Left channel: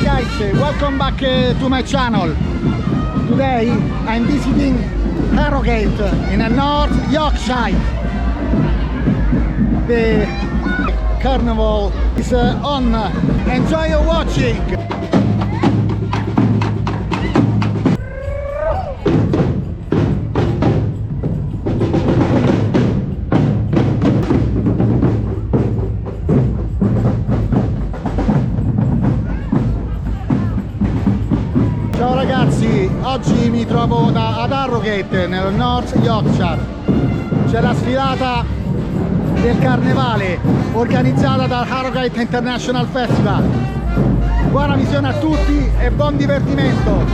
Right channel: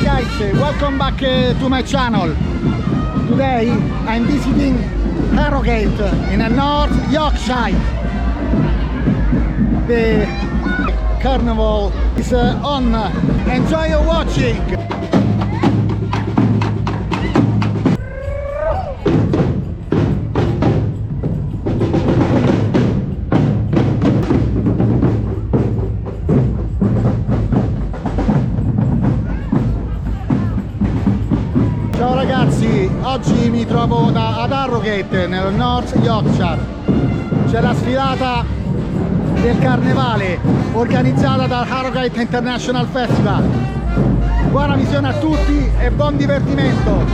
Hi guys, welcome back to my channel. Today I'm visiting Harrogate in North Yorkshire. The Carnival is on. Enjoy your watching. Ciao ragazzi, oggi mi trovo ad Harrogate nel North Yorkshire. C'è la sfilata del Carnevale organizzata dal Harrogate International Festival. Buona visione a tutti e buon divertimento!